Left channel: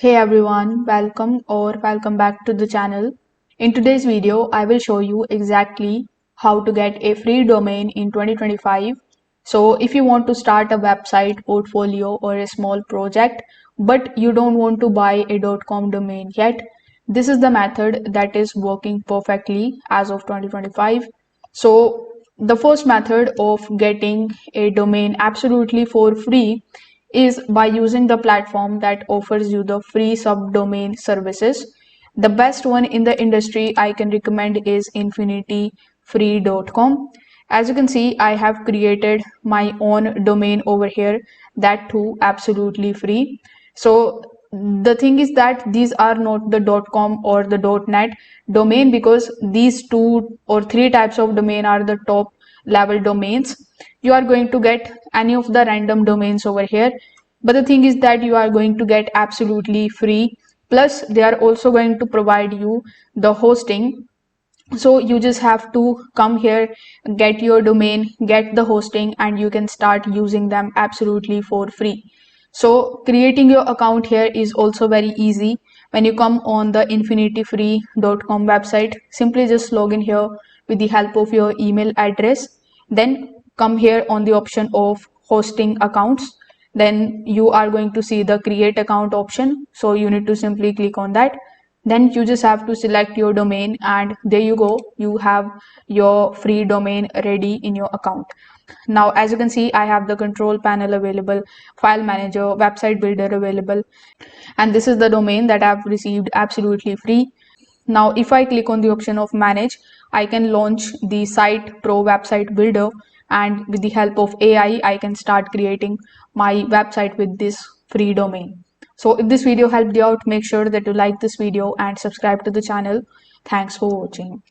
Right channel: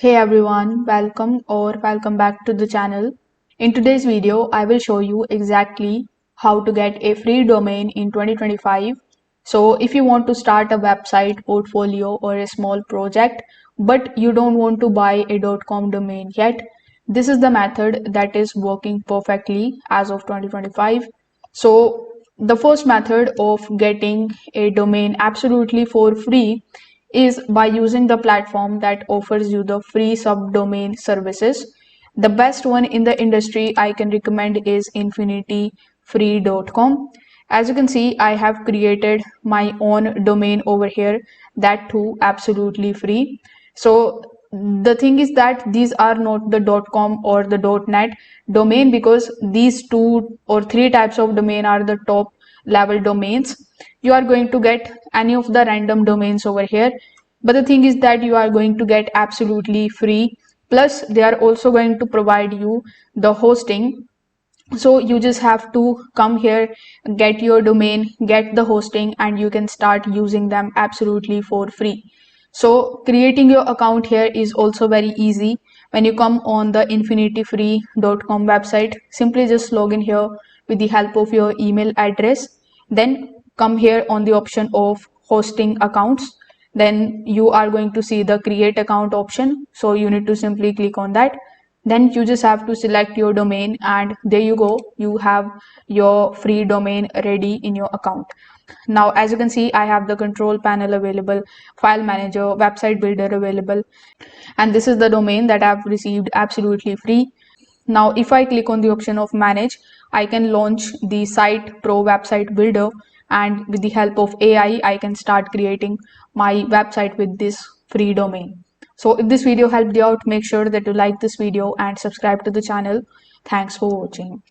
Hey everyone, welcome back to the channel. In today's video, I will show you exactly how to get a free domain in 2025. So if you want to start a website, portfolio or a small project, but you don't want to buy a .com domain yet, this is the method that is working perfectly as of 2025. So the first method of getting a domain absolutely for free is by using the platform that offers you the free subdomain services. The best one in the industry I can recommend is infinityfree.com. As you can see, I have created my own domain over here, that too absolutely free. So the thing is that these are not the .com or the .net domain, because these two or three types of domain are the top level domains. You are going to get any of the random domains over here, but the thing is that you are going to get absolutely free, plus they are also going to provide you the hosting. So you just have to come here, get your domain, get the hosting, and you can start using them absolutely for free. So creating your account here is also very easy. When you come on the infinityfree.com website, simply just log in here with the help of your email address. Then come here on the option of hosting accounts. Then you are going to see the create account option. So you need to simply click on that. Then you just have to select your domain, and there you go, you have your free domain ready in your account. Now as you can see, I have the control panel available, file manager, website builder available, and this is the domain that I've received absolutely free. Now if I click on the option of manage, I can launch the site pro website builder, and with the help of AI I can start creating my website with this free domain. So if this video helped you out, make sure that you like this video and subscribe to the channel. Thanks for watching.